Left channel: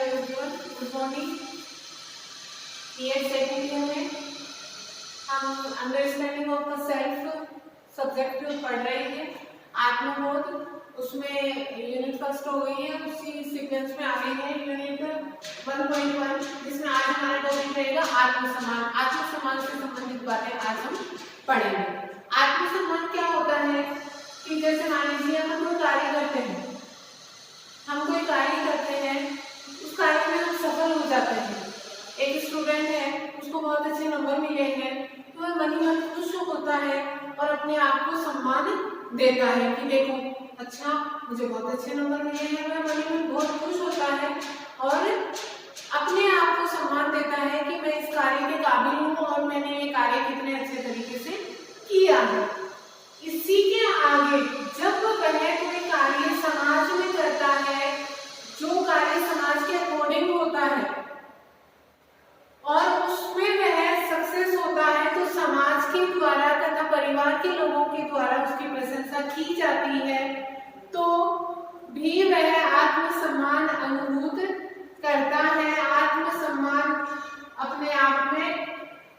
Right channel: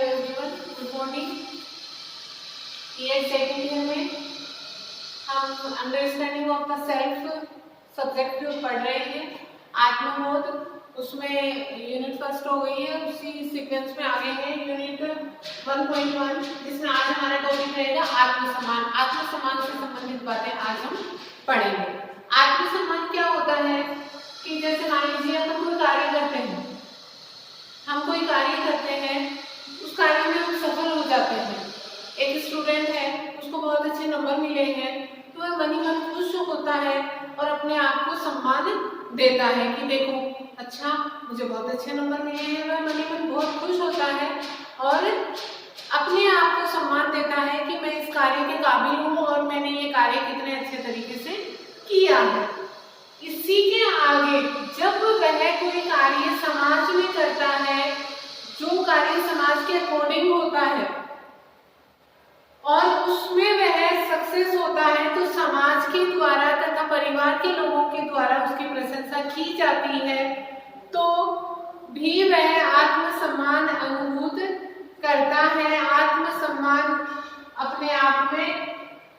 Everyone, good morning. Year second year में हम understanding of the self subject पढ़ रहे हैं, आत्मबोध। उसमें यूनिट फर्स्ट हो गई है, उसी सीक्वेंस में आगे है यूनिट 1.1, जिसमें आज हमारा टॉपिक रहेगा आत्मसम्मान। आत्मसम्मान से संबंधित बातें आज हम पढ़ेंगे। आत्मसम्मान क्या होता है कि जैसे मान लीजिए हम कोई कार्य करते हैं, उस कार्य में हम सफल हो जाते हैं। एक स्टूडेंट है, उसको बहुत अच्छे नंबर मिले हैं, तो वह मन ही मन खुश होता है और अपने आप को सम्मान देता है कि देखो अच्छा मुझे बहुत अच्छे नंबर मिले हैं। वह मन ही मन बहुत खुश होता है और अपने आप को सम्मान देता है कि मैं इस कार्य के काबिल हूँ और मैंने ये कार्य कितने अच्छे तरीके से किया है। इसी के आगे जब वह कोई कार्य समाज में करता है, जो कार्य समाज के अकॉर्डिंग होता है और उसमें वह सक्सेस होता है, तो समाज के द्वारा तथा परिवार के लोगों के द्वारा उसकी प्रशंसा की जाती है, तो भी वह आत्मसम्मान अनुभूत करता है। आत्मसम्मान अपने आप में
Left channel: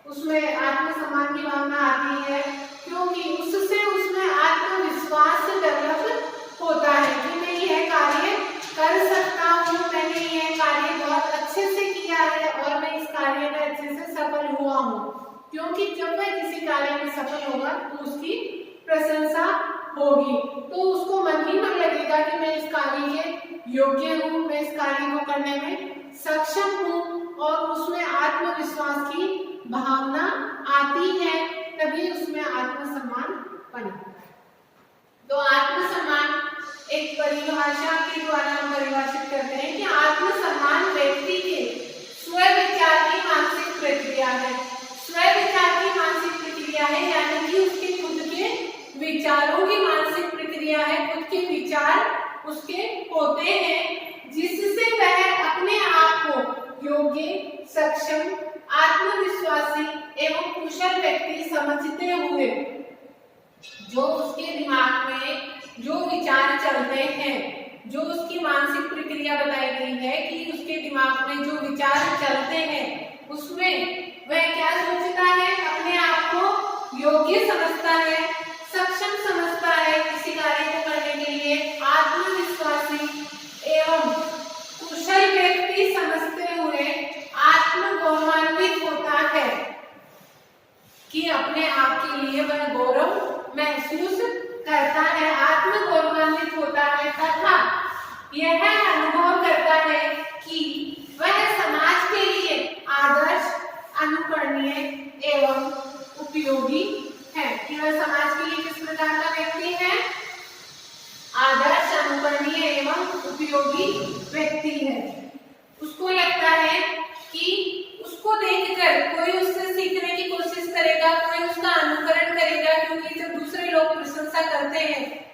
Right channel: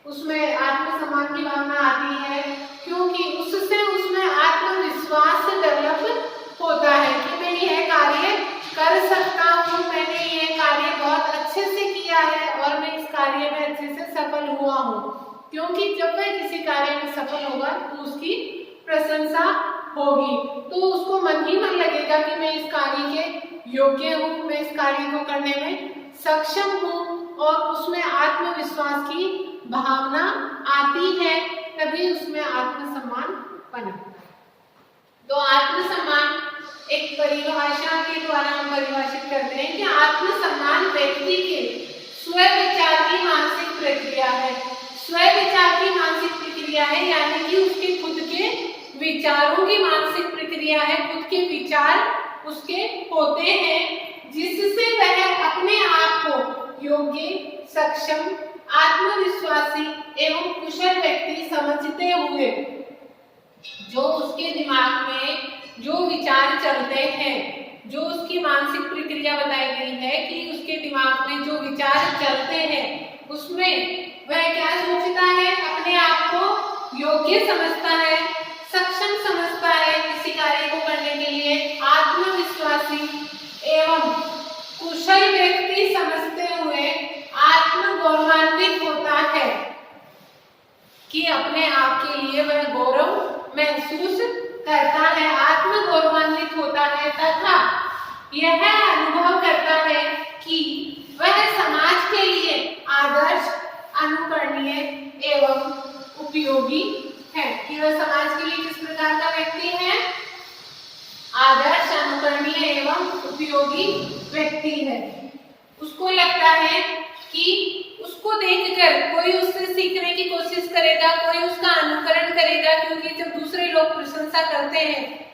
उसमें आत्मसम्मान की भावना आती है, क्योंकि उससे उसमें आत्मविश्वास डेवलप होता है कि मैं यह कार्य कर सकता हूँ, मैंने यह कार्य बहुत अच्छे से किया है और मैं इस कार्य में अच्छे से सफल हुआ हूँ। क्योंकि जब वह किसी कार्य में सफल होगा तो उसकी प्रशंसा होगी, तो उसको मन ही मन लगेगा कि मैं इस कार्य के योग्य हूँ, मैं इस कार्य को करने में सक्षम हूँ, और उसमें आत्मविश्वास की भावना आती है, तभी उसमें आत्मसम्मान बनता है। तो आत्मसम्मान एक परिभाषा के द्वारा हम परिभाषित करते हैं कि आत्मसम्मान व्यक्ति के स्वविचार की मानसिक प्रक्रिया है। स्वविचार की मानसिक प्रक्रिया है, यानी कि उसके खुद के विचारों की मानसिक प्रक्रिया है। खुद के विचार उसके होते हैं, जिससे वह अपने आप को योग्य, सक्षम, आत्मविश्वासी एवं कुशल व्यक्ति समझते हुए जो उसके दिमाग में जो विचार चलते हैं, जो उसकी मानसिक प्रक्रिया बताई गई है कि उसके दिमाग में जो विचार चलते हैं, उसमें वह क्या सोचता है, अपने आप को योग्य समझता है, सक्षम समझता है किसी कार्य को करने के लिए, आत्मविश्वासी एवं कुशल व्यक्ति समझते हुए आत्मगौरवान्वित होता है कि अपने आप के लिए वह गौरव महसूस करता है, आत्मगौरवान्वित होता है तथा यह अनुभव करता है कि वह समाज के लिए आदर्श, अनुकरणीय एवं उपयोगी है। कि वह समाज के लिए किस प्रकार का व्यक्ति है, आदर्श, अनुकरणीय एवं उपयोगी व्यक्ति है। उसको लगता है कि उसको देखकर कोई उससे सीखने की कोशिश करेगा, कोई उसका अनुकरण करेगा, क्योंकि जब दूसरे लोग प्रशंसा करते हैं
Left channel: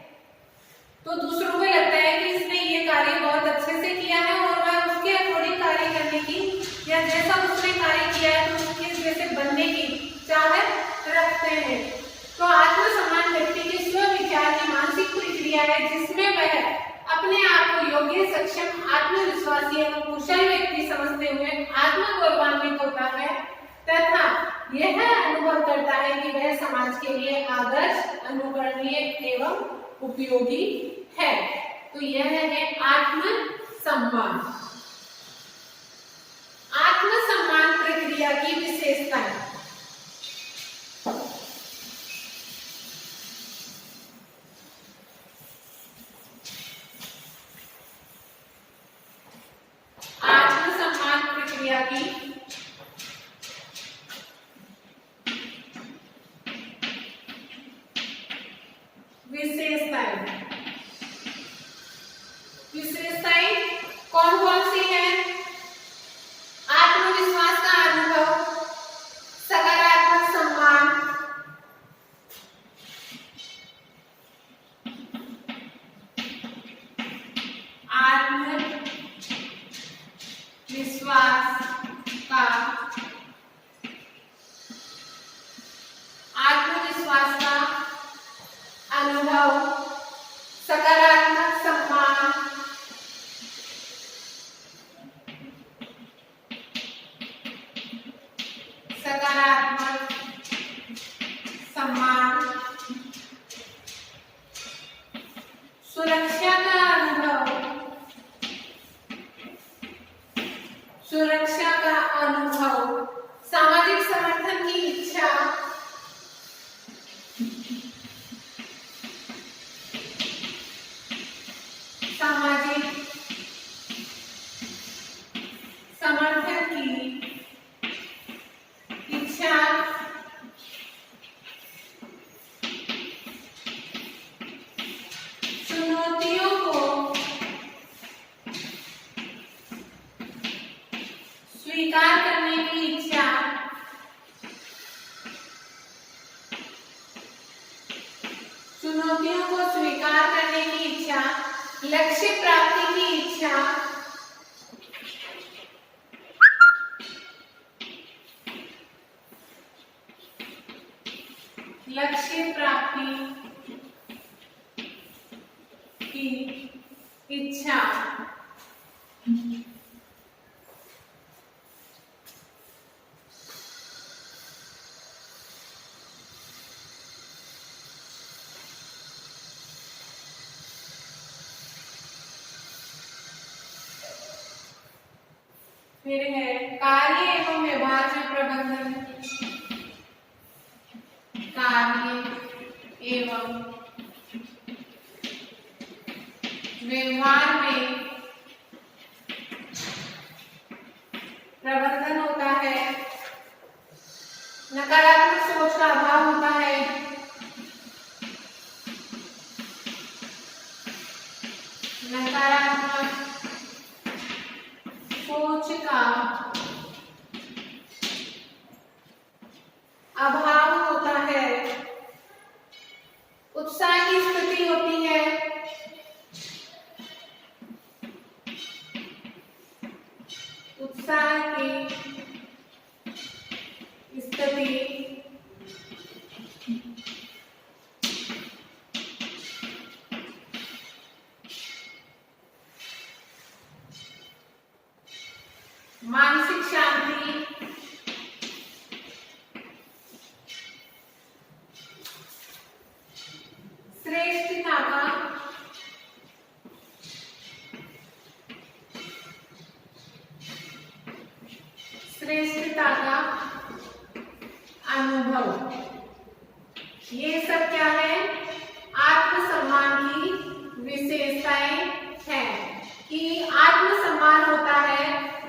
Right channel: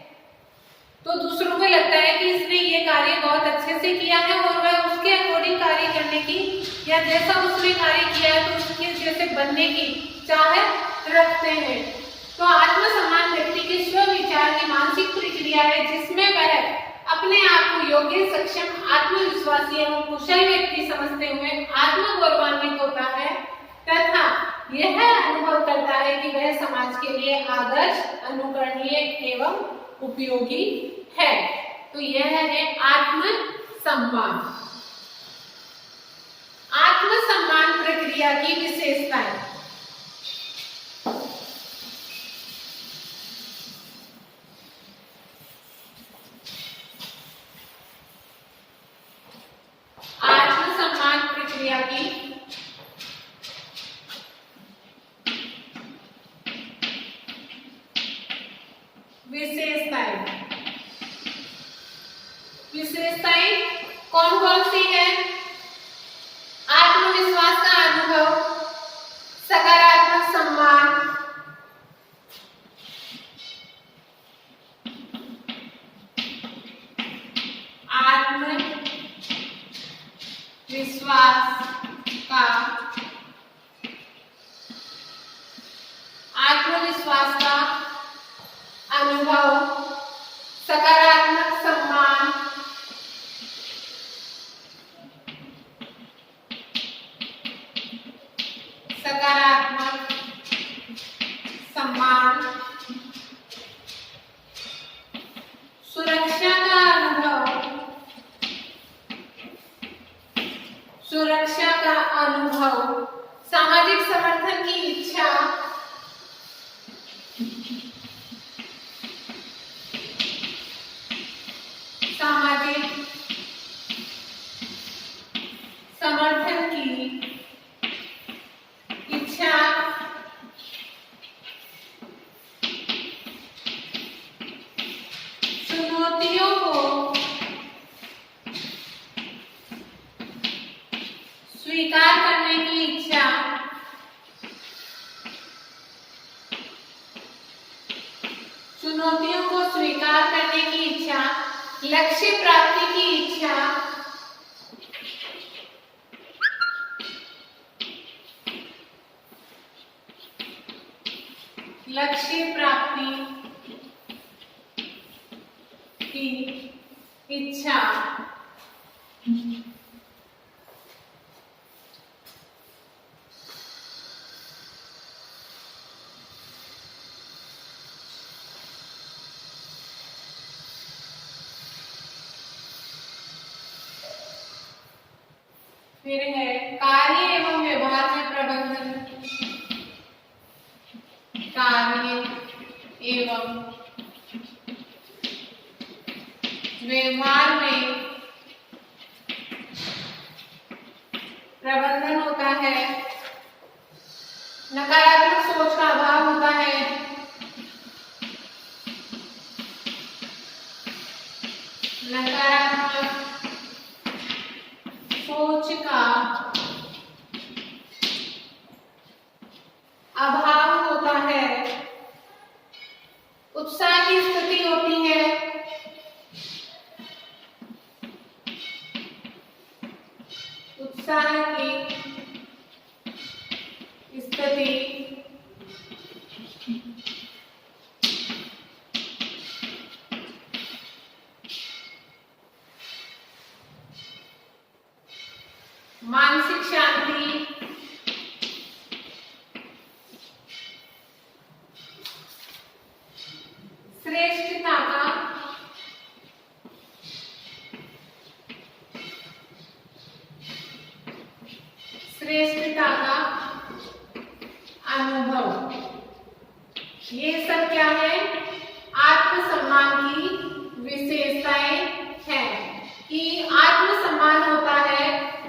तो दूसरों को लगता है कि इसने ये कार्य बहुत अच्छे से किया है और वह उसके अकॉर्डिंग कार्य करने की या जैसा उसने कार्य किया है तो उसके जैसे बनने की चाहत रखते हैं। तो आत्मसम्मान व्यक्ति के स्वविचार की मानसिक प्रक्रिया है, जिसमें वह अपने आप को योग्य, सक्षम, आत्मविश्वासी एवं कुशल व्यक्ति समझते हुए आत्मगौरवान्वित होता है तथा यह अनुभव करता है कि वह समाज के लिए आदर्श, अनुकरणीय एवं उपयोगी है। तो यह है आत्मसम्मान। आत्मसम्मान प्रक्रिया की विशेषताएं। आत्मसम्मान प्रक्रिया की विशेषताएं कौन कौन सी है? आत्मविश्वास का अनुभव, सकारात्मक सम्मान, आत्मविश्वास का अनुभव, सकारात्मक सम्मान, सुरक्षा का अनुभव, सुरक्षा का अनुभव, सामाजिक समर्थन की इच्छा, सामाजिक समर्थन की इच्छा, चुनौतियों को स्वीकार करने की इच्छा, चुनौतियों को स्वीकार करने की इच्छा, लक्ष्य प्राप्ति की इच्छा, लक्ष्य प्राप्ति की इच्छा, फिर है कार्य एवं व्यवहार में प्रबंधन, कार्य एवं व्यवहार में प्रबंधन होता है, नकारात्मक सोच का अभाव होता है, नकारात्मक सोच का अभाव होता है, उत्साह की स्थिति होती है, उत्साह की स्थिति, मानसिक शांति, श्रेष्ठता का अनुभव, ये सब क्या है? आत्मसम्मान की विशेषताएं हैं कि आत्मसम्मान होता है,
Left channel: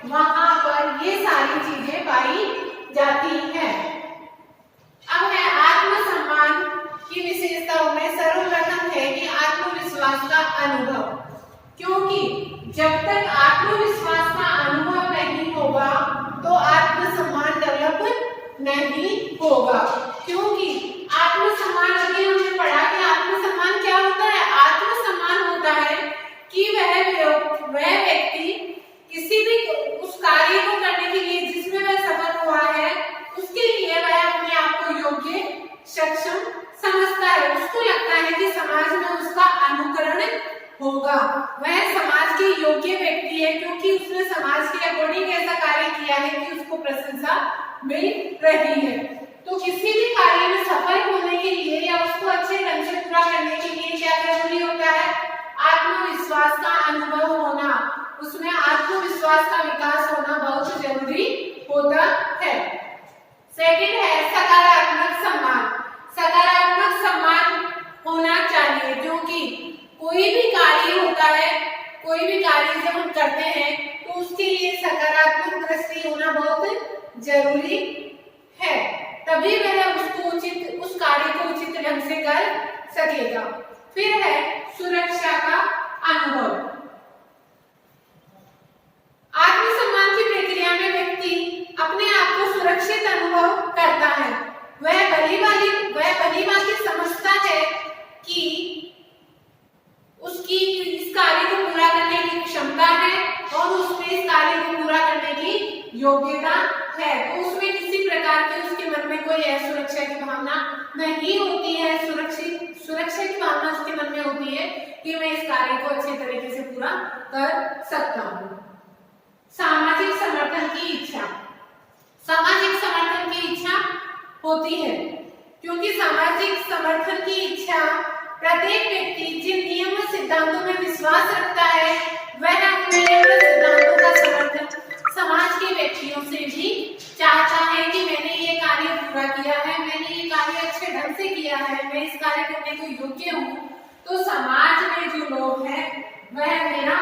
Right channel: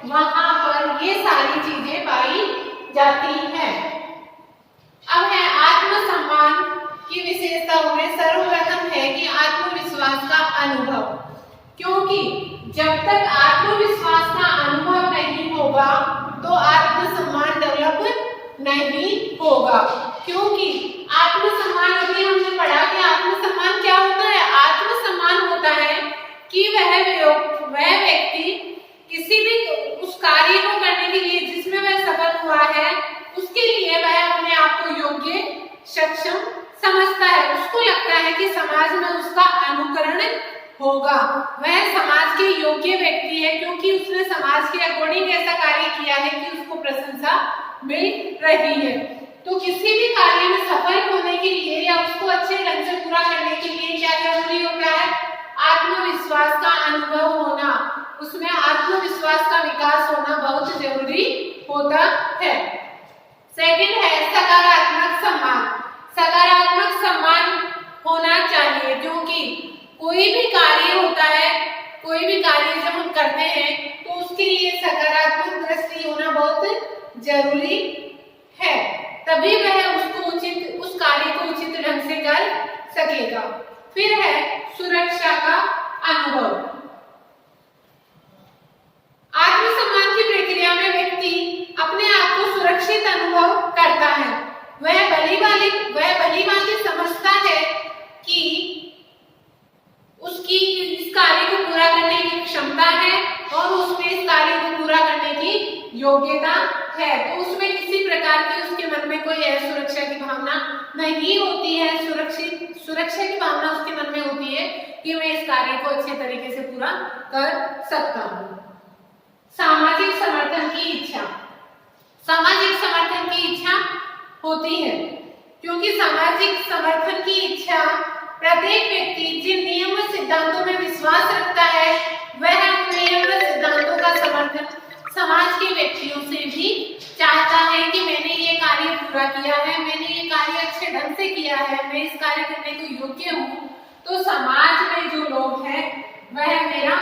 वहां पर ये सारी चीजें पाई जाती हैं। अब है आत्मसम्मान की विशेषताओं में सर्वप्रथम है कि आत्मविश्वास का अनुभव, क्योंकि जब तक आत्मविश्वास का अनुभव नहीं होगा तो आत्मसम्मान डेवलप नहीं होगा। क्योंकि आत्मसम्मान, अभी हमने पढ़ा कि आत्मसम्मान क्या होता है? आत्मसम्मान होता है कि वह व्यक्ति किसी भी उस कार्य को करने के लिए जिसमें वह सफल हुआ है, उसके लिए वह अपने आप को योग्य, सक्षम समझता है। उसको लगता है कि समाज में उसका अनुकरण होगा, वह समाज के योग्य व्यक्ति है, क्योंकि उसने समाज के अकॉर्डिंग ऐसा कार्य किया है कि उसको प्रशंसा मिल रही है। तो किसी भी कार्य में सफल होने के लिए या उसको अच्छे ढंग से पूरा करने के लिए क्या जरूरी होता है? आत्मविश्वास का अनुभव होना, उसमें आत्मविश्वास का विकास होना बहुत जरूरी होता है। सेकंड है सकारात्मक सम्मान। सकारात्मक सम्मान होना चाहिए, क्योंकि कोई भी कार्य होता है, कोई भी कार्य जब हम करते हैं तो उसके लिए सकारात्मक दृष्टि होना बहुत जरूरी है, तभी वह उस कार्य को उचित ढंग से कर सकेगा। फिर है सुरक्षा का अनुभव। आत्मसम्मान की प्रक्रिया में व्यक्ति अपने आप को सुरक्षित अनुभव करता है। वह भली भांति समझता है कि उसकी इस कार्य को पूरा करने की क्षमता है और उसमें इस कार्य को पूरा करने की योग्यता है। तो उसमें किसी प्रकार की उसके मन में कोई असुरक्षा की भावना नहीं होती है। सुरक्षा की भावना उसके मन में होती है कि मैं इस कार्य को अच्छे तरीके से पूरा कर सकता हूँ। सामाजिक समर्थन की इच्छा। सामाजिक समर्थन की इच्छा होती है, क्योंकि सामाजिक समर्थन की इच्छा प्रत्येक व्यक्ति जिन नियम व सिद्धांतों में विश्वास रखता है वह उन नियम व सिद्धांतों का समर्थन समाज के व्यक्तियों से भी चाहता है कि मैंने ये कार्य पूरा किया है, मैंने ये कार्य अच्छे ढंग से किया है, मैं इस कार्य करने को योग्य हूँ, तो समाज में जो लोग हैं वह मेरा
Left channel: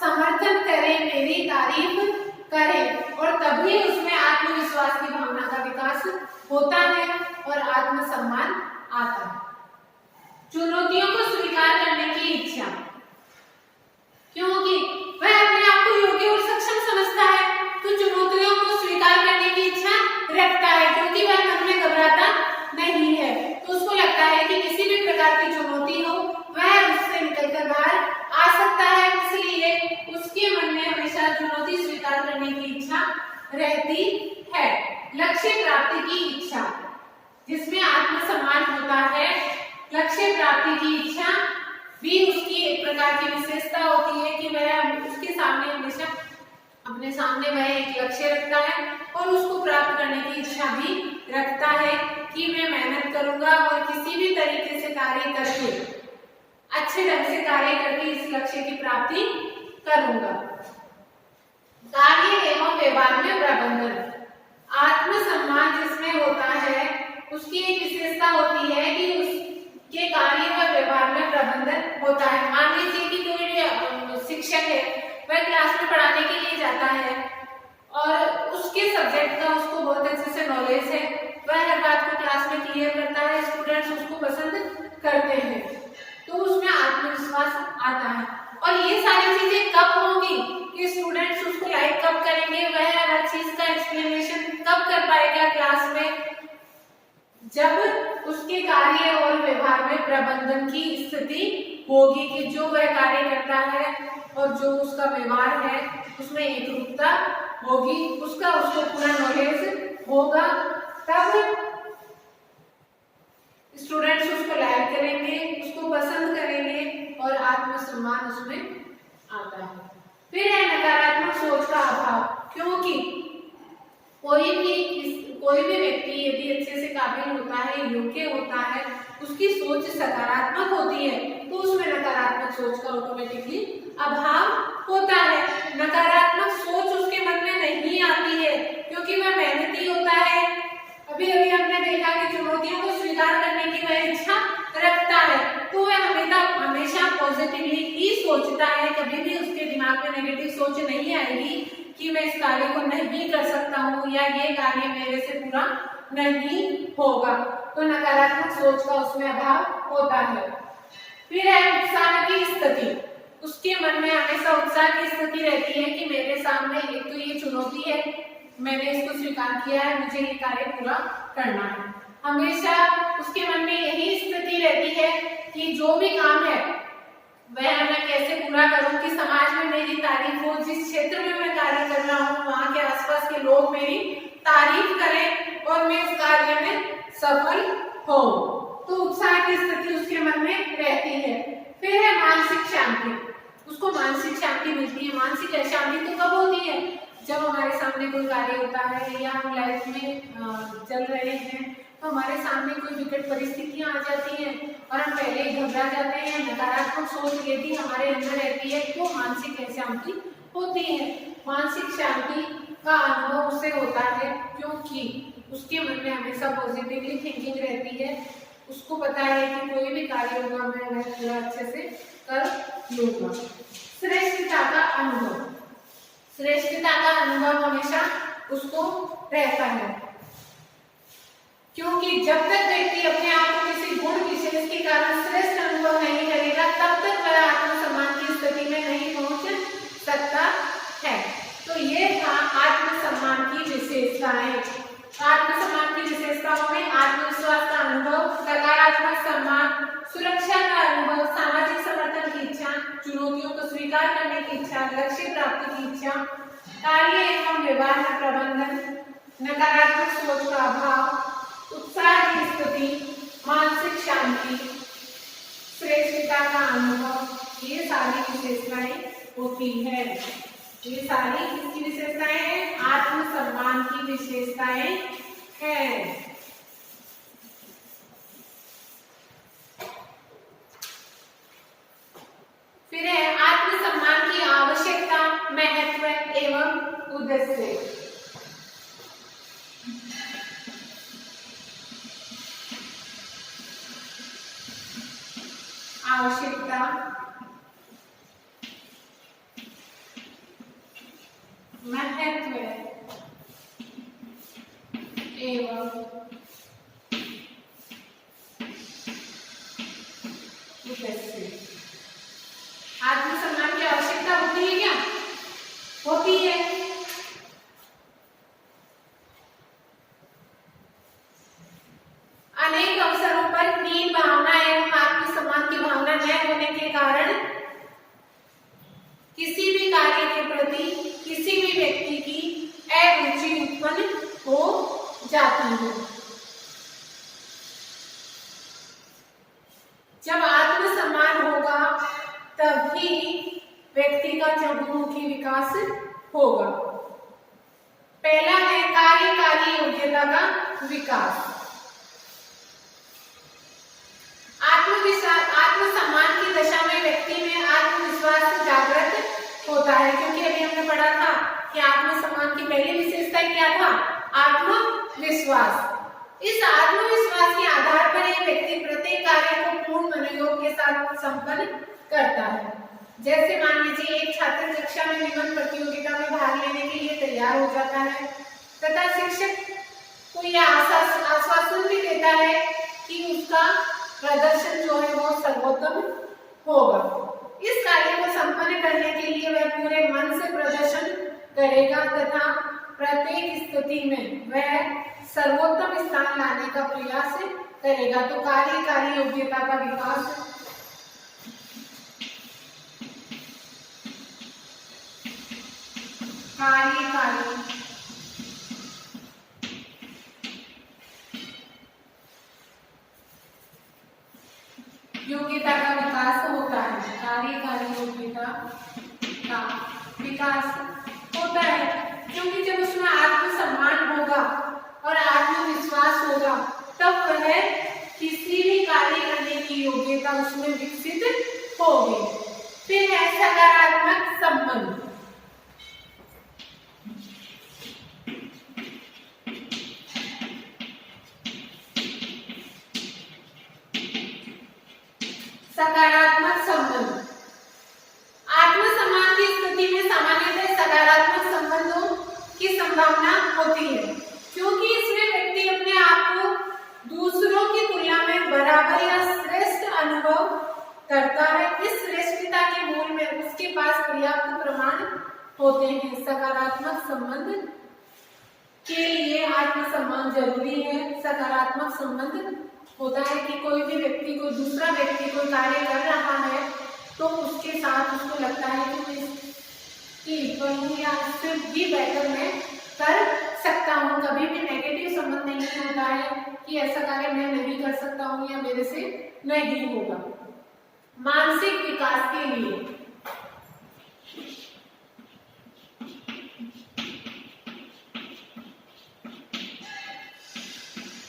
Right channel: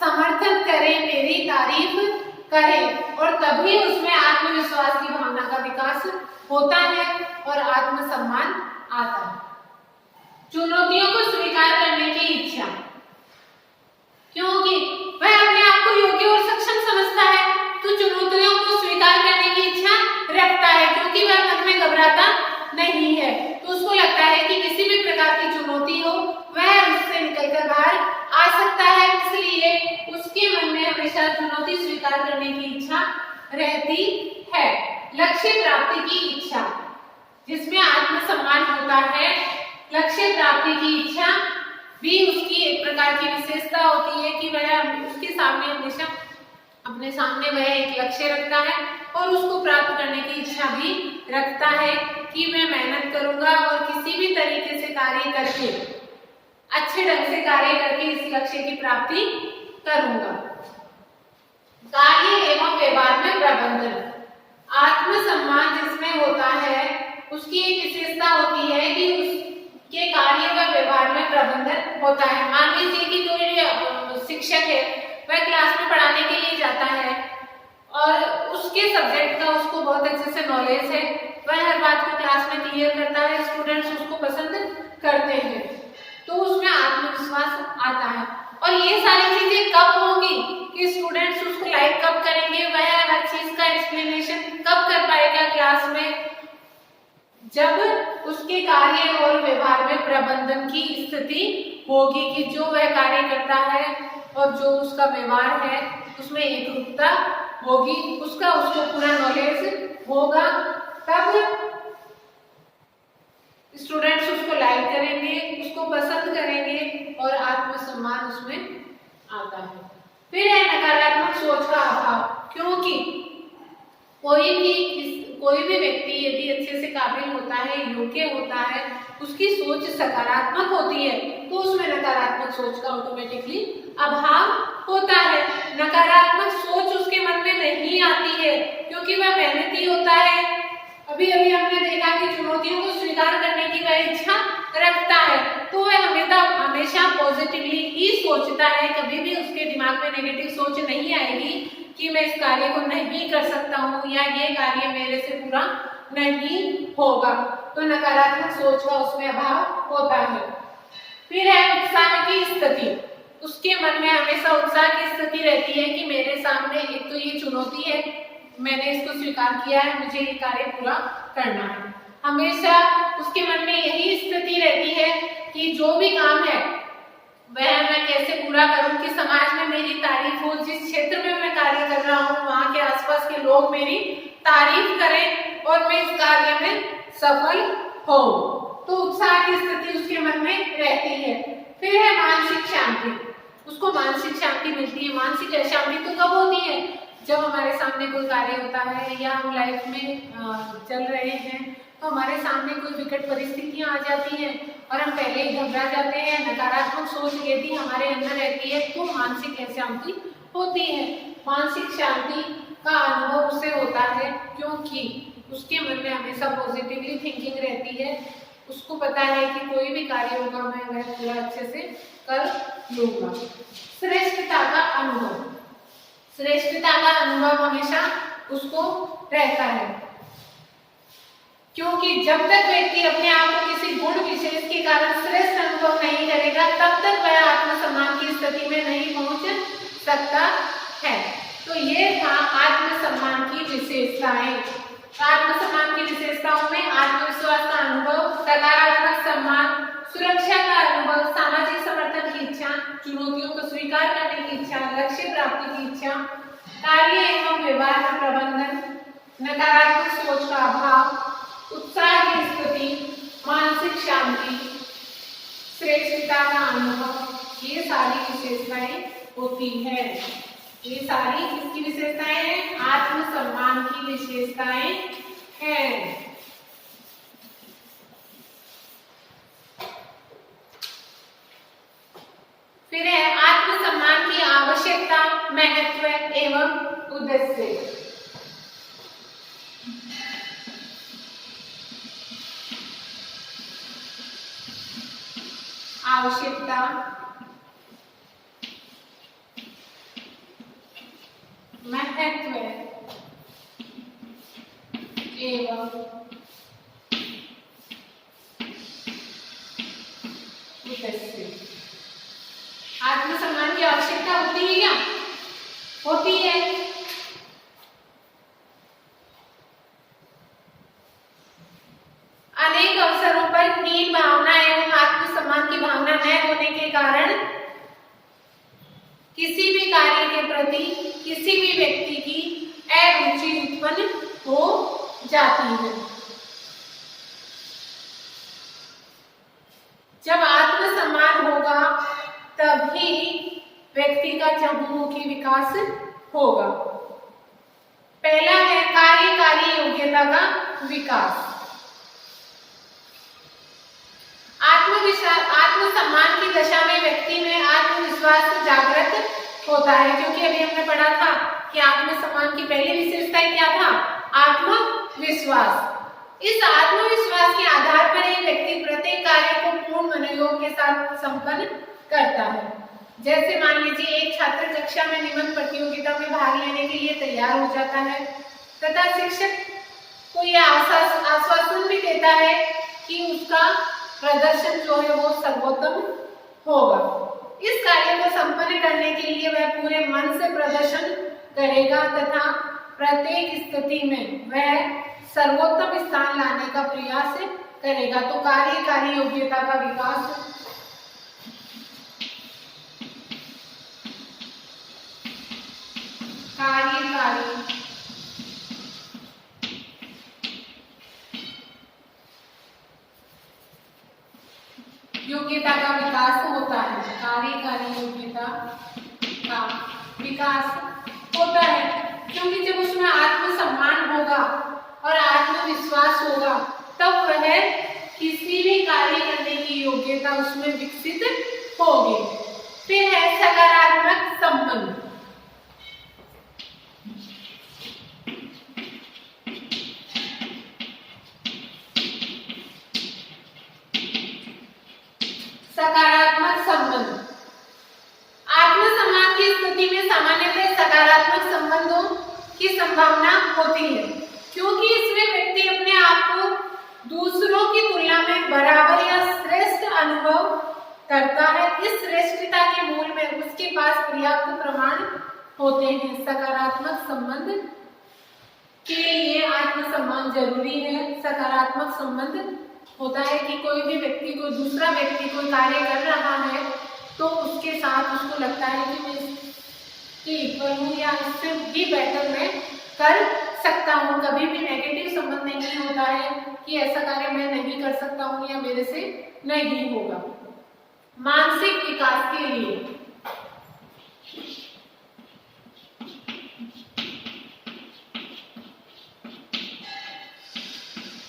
समर्थन करें, मेरी तारीफ करें, और तभी उसमें आत्मविश्वास की भावना का विकास होता है और आत्मसम्मान आता है। चुनौतियों को स्वीकार करने की इच्छा, क्योंकि वह अपने आप को योग्य और सक्षम समझता है तो चुनौतियों को स्वीकार करने की इच्छा रखता है, क्योंकि वह मन में घबराता नहीं है। तो उसको लगता है कि किसी भी प्रकार की चुनौती हो वह उससे निकलकर बाहर आ सकता है, इसलिए उसके मन में हमेशा चुनौती स्वीकार करने की इच्छा रहती है। लक्ष्य प्राप्ति की इच्छा, जिसमें आत्मसम्मान होता है, लक्ष्य प्राप्ति की इच्छा भी उसकी एक प्रकार की विशेषता होती है कि वह उसके सामने हमेशा अपने सामने वह एक लक्ष्य रखता है और उसको प्राप्त करने की इच्छा भी रखता है कि मैं मेहनत करूंगा और किसी भी तरीके से कार्य करके, अच्छे ढंग से कार्य करके इस लक्ष्य की प्राप्ति करूंगा। कार्य एवं व्यवहार में प्रबंधन, आत्मसम्मान जिसमें होता है उसकी एक विशेषता होती है कि उसके कार्य व व्यवहार में प्रबंधन होता है। मान लीजिए कि कोई शिक्षक है, वह क्लास में पढ़ाने के लिए जाता है और उसके सब्जेक्ट का उसको बहुत अच्छे से नॉलेज है, वह हर बात को क्लास में क्लियर करता है, स्टूडेंट्स उसको पसंद करते हैं, तो उसमें आत्मविश्वास आता है। और ये सारी चीजें कब होंगी कि स्टूडेंट्स उसको लाइक कब करेंगे, वह हर चीज का एक्सप्लेनेशन कब कर पाएगा क्लास में, जब उसके कार्य और व्यवहार में प्रबंधन की स्थिति होगी कि जो वह कार्य करता है और जो उसका व्यवहार है उसमें एकरूपता होगी, उसको पूरा नॉलेज होगा, तब स्टूडेंट्स उसको लाइक करेंगे, उसको पसंद करेंगे और आत्मसम्मान उसमें आता है। फिर है नकारात्मक सोच का अभाव, क्योंकि कोई भी व्यक्ति यदि अच्छे से काबिल होता है, योग्य होता है, उसकी सोच सकारात्मक होती है तो उसमें नकारात्मक सोच का ऑटोमेटिकली अभाव होता है। नकारात्मक सोच उसके मन में नहीं आती है क्योंकि वह मेहनती होता है। अभी अभी हमने देखा कि चुनौतियों को स्वीकार करने की वह इच्छा रखता है, तो वह हमेशा पॉजिटिवली ही सोचता है, कभी भी उसके दिमाग में नेगेटिव सोच नहीं आएगी कि मैं इस कार्य को नहीं कर सकता हूँ या ये कार्य मेरे से पूरा नहीं होगा। तो नकारात्मक सोच का उसमें अभाव होता है। फिर है उत्साह की स्थिति, उसके मन में हमेशा उत्साह की स्थिति रहती है कि मेरे सामने एक तो ये चुनौती है, मैंने इसको स्वीकार किया है, मुझे ये कार्य पूरा करना है। हमेशा उसके मन में यही स्थिति रहती है कि जो भी काम है वह मैं कैसे पूरा करूं कि समाज में मेरी तारीफ हो, जिस क्षेत्र में मैं कार्य कर रहा हूं वहां के आसपास के लोग मेरी तारीफ करें और मैं इस कार्य में सफल हो। तो उत्साह की स्थिति उसके मन में रहती है। फिर है मानसिक शांति, उसको मानसिक शांति मिलती है। मानसिक शांति तो कब होती है, जब हमारे सामने कोई कार्य होता है या हम लाइफ में चल रहे हैं तो हमारे सामने कोई विकट परिस्थितियां आ जाती हैं और हम पहले ही घबरा जाते हैं, नकारात्मक सोच यदि हमारे अंदर रहती है तो मानसिक शांति होती है। मानसिक शांति का अनुभव उससे होता है क्योंकि उसके मन में हमेशा पॉजिटिवली थिंकिंग रहती है, उसको पता है कि कोई भी कार्य होगा मैं वह पूरा अच्छे से कर लूंगा। श्रेष्ठता का अनुभव, श्रेष्ठता का अनुभव हमेशा उसको रहता है क्योंकि जब तक व्यक्ति अपने आप को किसी गुण विशेष के कारण श्रेष्ठ अनुभव नहीं करेगा तब तक वह आत्मसम्मान की स्थिति में नहीं पहुंच सकता है। तो ये था आत्मसम्मान की विशेषताएं। आत्मसम्मान की विशेषताओं में आत्मविश्वास का अनुभव, सकारात्मक सम्मान, सुरक्षा का अनुभव, सामाजिक समर्थन की इच्छा, चुनौतियों को स्वीकार करने की इच्छा, लक्ष्य प्राप्ति की इच्छा, कार्य एवं व्यवहार में प्रबंधन, नकारात्मक सोच का अभाव, उत्साह की स्थिति, मानसिक शांति, श्रेष्ठता का अनुभव, ये सारी विशेषताएं होती है। ये सारी किसकी विशेषताएं हैं? आत्मसम्मान की विशेषताएं हैं। फिर है आत्मसम्मान की आवश्यकता, महत्व एवं उद्देश्य। आवश्यकता, महत्व एवं उद्देश्य। आत्मसम्मान की आवश्यकता होती है क्या? होती है। अनेक अवसरों पर हीन भावना एवं आत्मसम्मान की भावना न होने के कारण किसी भी कार्य के प्रति किसी भी व्यक्ति की अरुचि उत्पन्न हो जाती है। जब आत्मसम्मान होगा तभी व्यक्ति का चहुमुखी विकास होगा। पहला है कार्यकारी योग्यता का विकास। आत्मसम्मान की दशा में व्यक्ति में आत्मविश्वास जागृत होता है, क्योंकि अभी हमने पढ़ा था कि आत्मसम्मान की पहली विशेषता क्या था? आत्मविश्वास। इस आत्मविश्वास के आधार पर एक व्यक्ति प्रत्येक कार्य को पूर्ण मनोयोग के साथ संपन्न करता है। जैसे मान लीजिए एक छात्र कक्षा में निबंध प्रतियोगिता में भाग लेने के लिए तैयार हो जाता है तथा शिक्षक को यह आश्वासन भी देता है कि उसका प्रदर्शन जो है वो सर्वोत्तम होगा। इस कार्य को संपन्न करने के लिए वह पूरे मन से प्रदर्शन करेगा तथा प्रत्येक स्थिति में वह सर्वोत्तम स्थान लाने का प्रयास करेगा। तो कार्यकारी योग्यता का विकास कार्यकारी योग्यता का विकास होता है। कार्यकारी योग्यता का विकास होता है क्योंकि जब उसमें आत्मसम्मान होगा और आत्मविश्वास होगा तब वह किसी भी कार्य करने की योग्यता उसमें विकसित होगी। फिर है सकारात्मक संबंध। सकारात्मक संबंध। आत्मसम्मान की स्थिति में सामान्यतः सकारात्मक संबंधों की संभावना होती है क्योंकि इसमें व्यक्ति अपने आप को दूसरों की तुलना में बराबर या श्रेष्ठ अनुभव करता है। इस श्रेष्ठता के मूल में उसके पास पर्याप्त प्रमाण होते हैं। सकारात्मक संबंध के लिए आत्मसम्मान जरूरी है। सकारात्मक संबंध होता है कि कोई भी व्यक्ति को दूसरा व्यक्ति कोई कार्य कर रहा है तो उसके साथ उसको लगता है कि मैं इसके इक्वल हूँ या इससे भी बेटर मैं कर सकता हूँ। कभी भी नेगेटिव संबंध नहीं होता है कि ऐसा कार्य मैं नहीं कर सकता हूँ या मेरे से नहीं होगा। मानसिक विकास के लिए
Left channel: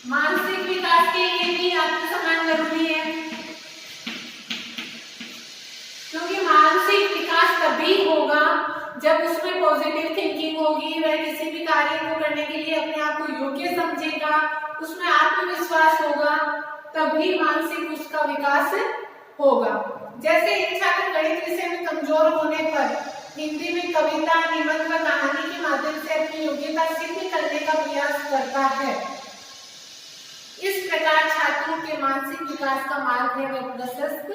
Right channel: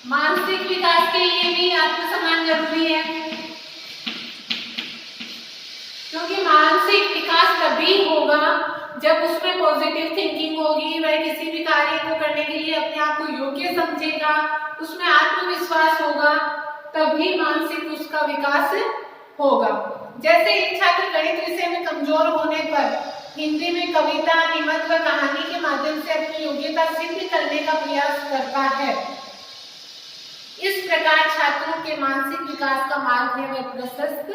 मानसिक विकास के लिए भी आत्मसम्मान जरूरी है क्योंकि मानसिक विकास तभी होगा जब उसमें पॉजिटिव थिंकिंग होगी। वह किसी भी कार्य को करने के लिए अपने आप को योग्य समझेगा, उसमें आत्मविश्वास होगा, तभी मानसिक उसका विकास होगा। जैसे एक छात्र गणित विषय में कमजोर होने पर हिंदी में कविता, निबंध व कहानी के माध्यम से अपनी योग्यता सिद्ध करने का प्रयास करता है। इस प्रकार छात्रों के मानसिक विकास का मार्ग है वह प्रशस्त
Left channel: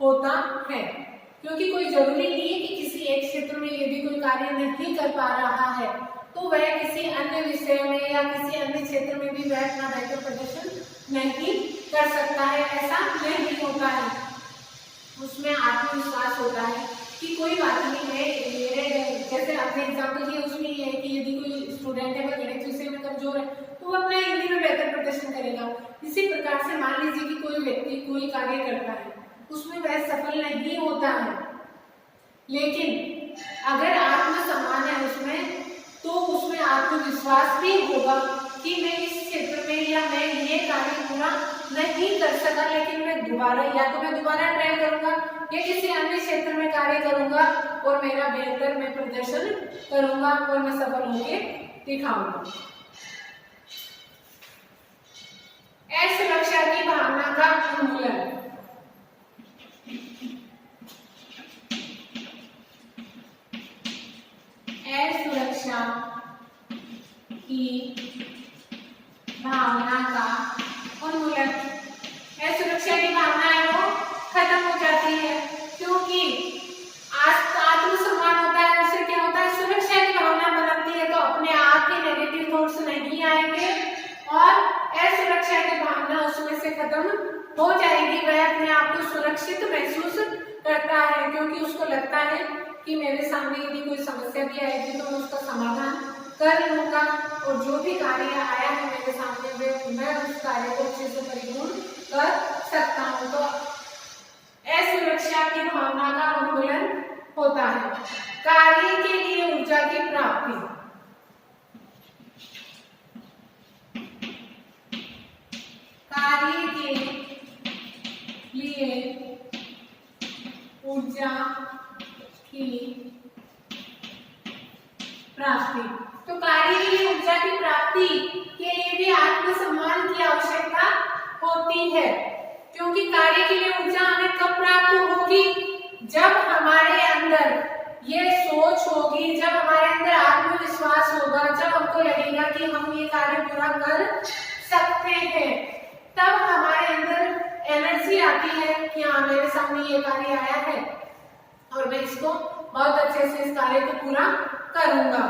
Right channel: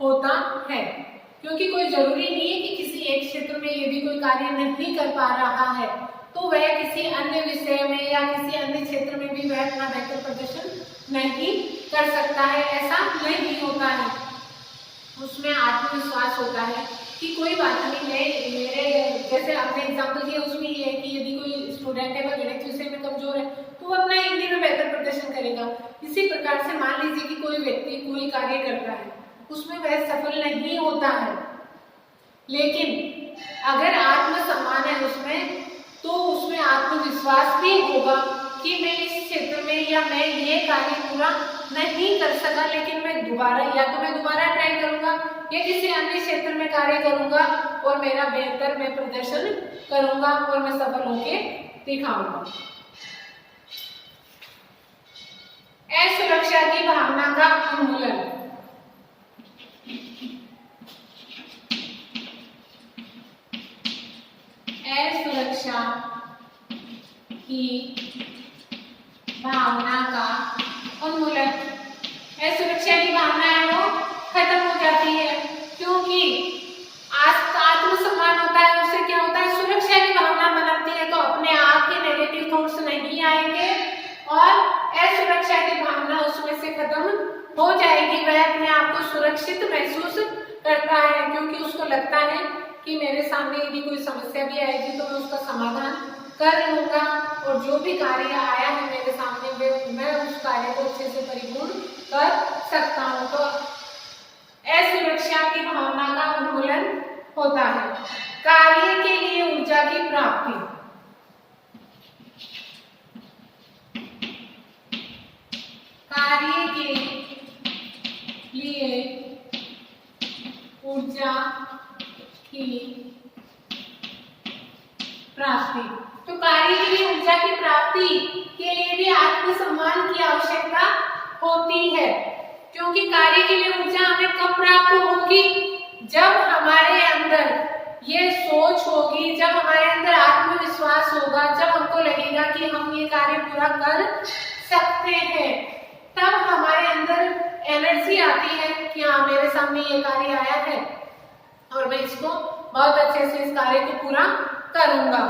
होता है क्योंकि कोई जरूरी नहीं है कि किसी एक क्षेत्र में यदि कोई कार्य नहीं कर पा रहा है तो वह किसी अन्य विषय में या किसी अन्य क्षेत्र में भी वह अपना बेहतर प्रदर्शन नहीं कर सकता है। ऐसा नहीं होता है। उसमें आत्मविश्वास होता है कि कोई बात नहीं है। मेरे जैसे आपने एग्जाम्पल दिया उसमें ये है कि यदि कोई स्टूडेंट है वह गणित विषय में कमजोर है तो वो अपना हिंदी में बेहतर प्रदर्शन करेगा। इसी प्रकार से मान लीजिए कि कोई व्यक्ति कोई कार्य करता है उसमें वह सफल नहीं होता है, लेकिन अगर आत्मसम्मान है उसमें तो उसमें आत्मविश्वास भी होगा कि मैं इस क्षेत्र में या मैं ये कार्य पूरा नहीं कर सका लेकिन मैं दोबारा ट्राई करूंगा या किसी अन्य क्षेत्र में कार्य करूंगा और मेरा बेहतर मैं प्रदर्शन करूंगा और मैं सफल होके दिखाऊंगा। असुरक्षा की भावना का उन्मूलन। असुरक्षा की भावना का उन्मूलन। असुरक्षा की भावना है वो खत्म हो जाती है, क्योंकि आत्मसम्मान होता है, उससे क्या होता है, सुरक्षा की भावना बनती है, तो अपने आप के नेगेटिव थॉट्स नहीं आएंगे और असुरक्षा की भावना उसमें से खत्म हो जाएगी। वह अपने आप को सुरक्षित महसूस करता है, क्योंकि उसको लगता है कि मेरे सामने यदि कोई समस्या भी आएगी तो मैं उसका समाधान कर लूंगा और जो भी कार्य आया है मेरे सामने मैं उस कार्य को अच्छे से परिपूर्ण कर सकता हूँ। तो असुरक्षा की भावना का उन्मूलन होता है। कार्य के लिए ऊर्जा की प्राप्ति। कार्य के लिए ऊर्जा की प्राप्ति। तो कार्य के लिए ऊर्जा की प्राप्ति के लिए भी आत्मसम्मान की आवश्यकता होती है, क्योंकि कार्य के लिए ऊर्जा हमें कब प्राप्त होगी, जब हमारे अंदर ये सोच होगी, जब हमारे अंदर आत्मविश्वास होगा, जब हमको लगेगा कि हम ये कार्य पूरा कर सकते हैं, तब हमारे अंदर एनर्जी आती है कि हाँ मेरे सामने ये कार्य आया है और मैं इसको बहुत अच्छे से इस कार्य को पूरा करूंगा।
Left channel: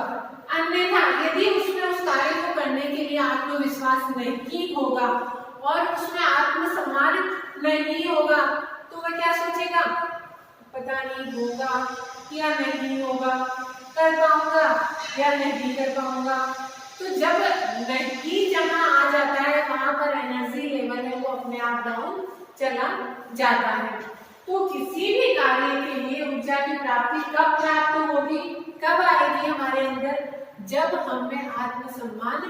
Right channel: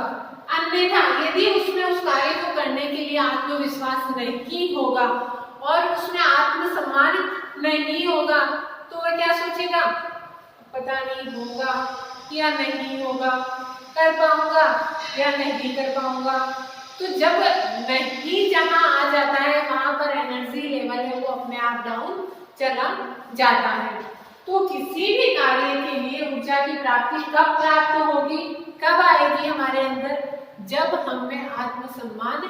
अन्यथा यदि उसमें उस कार्य को करने के लिए आत्मविश्वास नहीं होगा और उसमें आत्मसम्मान नहीं होगा, तो वह क्या सोचेगा, पता नहीं होगा या नहीं होगा, कर पाऊंगा या नहीं कर पाऊंगा। तो जब नहीं जहां आ जाता है वहां पर एनर्जी लेवल है वो अपने आप डाउन चला जाता है। तो किसी भी कार्य के लिए ऊर्जा की प्राप्ति कब प्राप्त होगी, कब आएगी हमारे अंदर, जब हम में आत्मसम्मान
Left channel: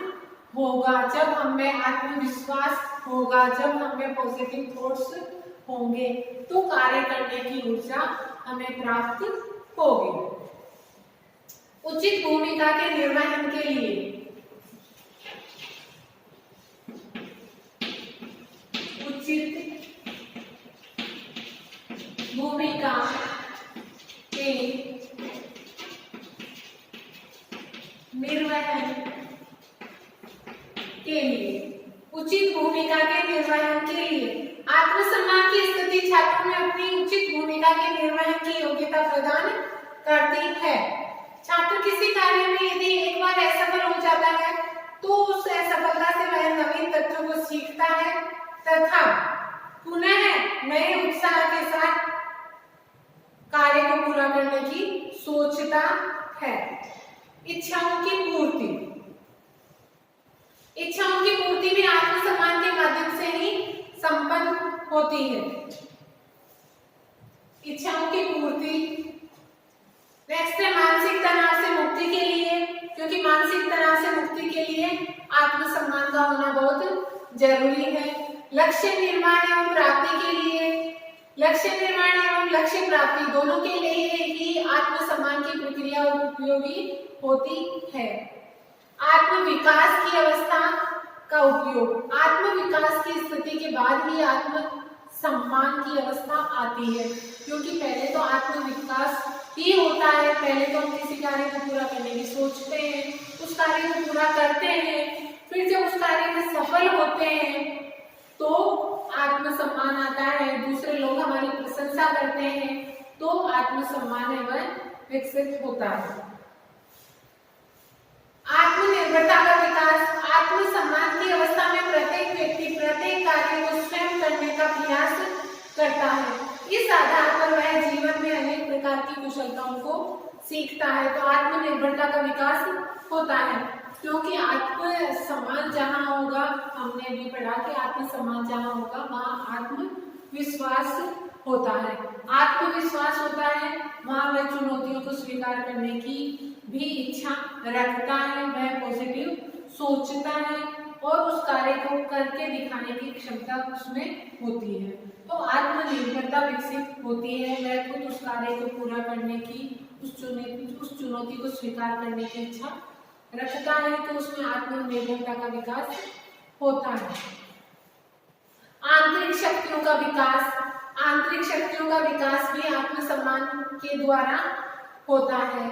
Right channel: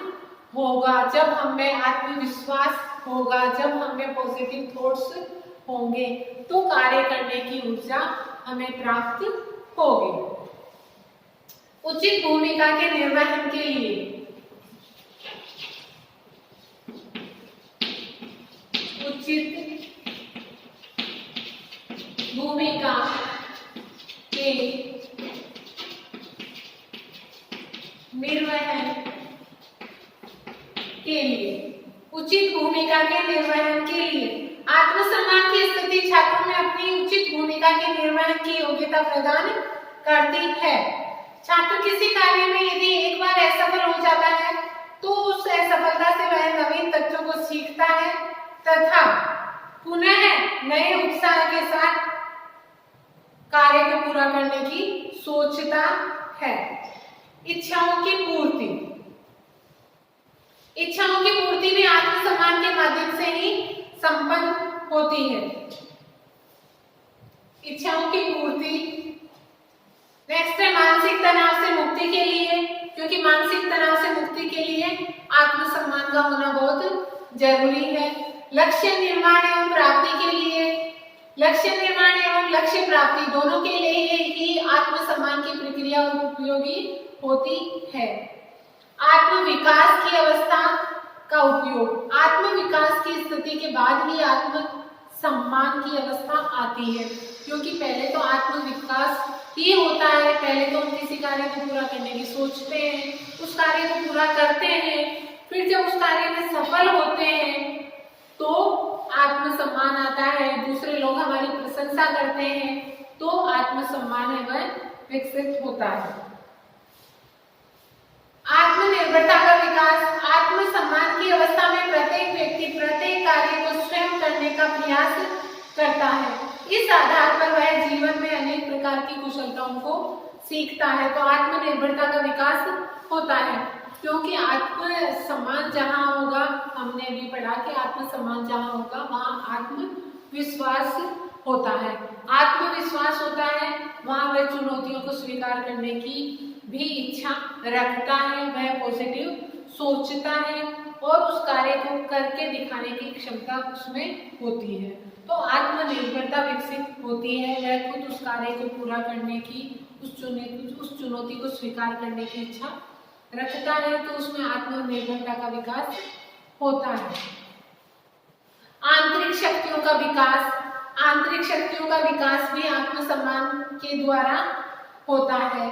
होगा, जब हम में आत्मविश्वास होगा, जब हम में पॉजिटिव थॉट्स होंगे, तो कार्य करने की ऊर्जा हमें प्राप्त होगी। उचित भूमिका के निर्वहन के लिए। उचित भूमिका के निर्वहन के लिए। उचित भूमिका के निर्वहन के लिए आत्मसम्मान की स्थिति छात्रों में अपनी उचित भूमिका के निर्वहन की योग्यता प्रदान करती है। छात्र किसी कार्य में यदि एक बार असफल हो जाता है तो उस असफलता से वह नवीन तथ्यों को सीखता है तथा पुनः नए उत्साह के साथ कार्य को पूरा करने की सोचता है। इच्छाओं की पूर्ति। इच्छाओं की पूर्ति भी आत्मसम्मान के माध्यम से ही संपन्न होती है। इच्छाओं की पूर्ति। नेक्स्ट है मानसिक तनाव से मुक्ति के लिए, क्योंकि मानसिक तनाव से मुक्ति के लिए आत्मसम्मान का होना बहुत जरूरी है। लक्ष्य निर्माण एवं प्राप्ति के लिए, लक्ष्य निर्माण एवं लक्ष्य प्राप्ति दोनों के लिए ही आत्मसम्मान की प्रक्रिया उपयोगी होती है। आत्मविकास की अवस्था का उपयोग। आत्मविकास की स्थिति के बाद ही आत्मसम्मान की अवस्था आती है, क्योंकि पहले तो आत्मविकास ही होता है। पहले तो हम किसी कार्य को पूरा करने की सोचते हैं, उस कार्य को पूरा करते हैं, फिर जब उस कार्य में सफल होते हैं तो आत्मसम्मान आता है, दूसरे लोग हमारी प्रशंसा करते हैं, तो आत्मसम्मान है वह विकसित होता है। आत्मनिर्भरता का विकास। आत्मसम्मान की अवस्था में प्रत्येक व्यक्ति प्रत्येक कार्य को स्वयं करने का प्रयास करता है। इस आधार पर वह जीवन में अनेक प्रकार की कुशलताओं को सीखता है। तो आत्मनिर्भरता का विकास होता है, क्योंकि आत्मसम्मान जहाँ होगा, हमने अभी पढ़ा कि आत्मसम्मान जहाँ होगा वहाँ आत्मविश्वास होता है। आत्मविश्वास होता है वहाँ वह चुनौतियों को स्वीकार करने की भी इच्छा रखता है, वह पॉजिटिव सोचता है और उस कार्य को करके दिखाने की क्षमता उसमें होती है। तो आत्मनिर्भरता विकसित होती है, वह खुद उस कार्य को पूरा करने की, उस चुनौती को स्वीकार करने की इच्छा रखता है, तो उसमें आत्मनिर्भरता का विकास होता है। आंतरिक शक्तियों का विकास, आंतरिक शक्तियों का विकास भी आत्मसम्मान के द्वारा होता है।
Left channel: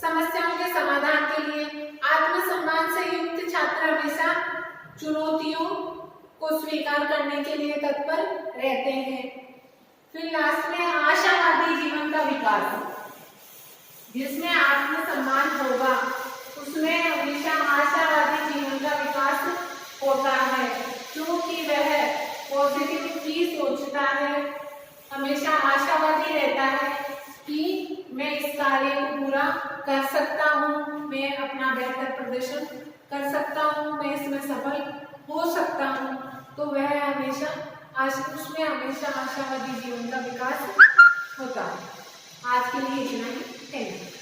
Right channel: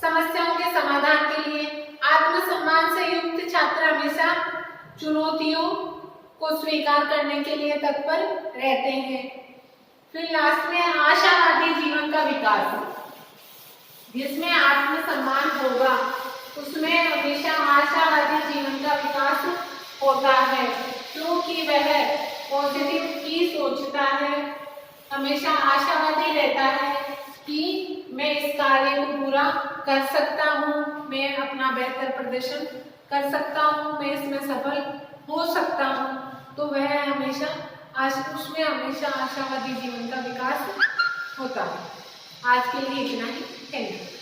समस्याओं के समाधान के लिए आत्मसम्मान से युक्त छात्र हमेशा चुनौतियों को स्वीकार करने के लिए तत्पर रहते हैं। फिर लास्ट में आशावादी जीवन का विकास, जिसमें आत्मसम्मान होगा उसमें हमेशा आशावादी जीवन का विकास होता है, क्योंकि वह पॉजिटिव ही सोचता है, हमेशा आशावादी रहता है कि मैं इस कार्य को पूरा कर सकता हूँ, मैं अपना बेहतर प्रदर्शन कर सकता हूँ, मैं इसमें सफल हो सकता हूँ। तो वह हमेशा उसमें हमेशा आशावादी जीवन का विकास होता है। आज के लिए इतना ही, थैंक यू।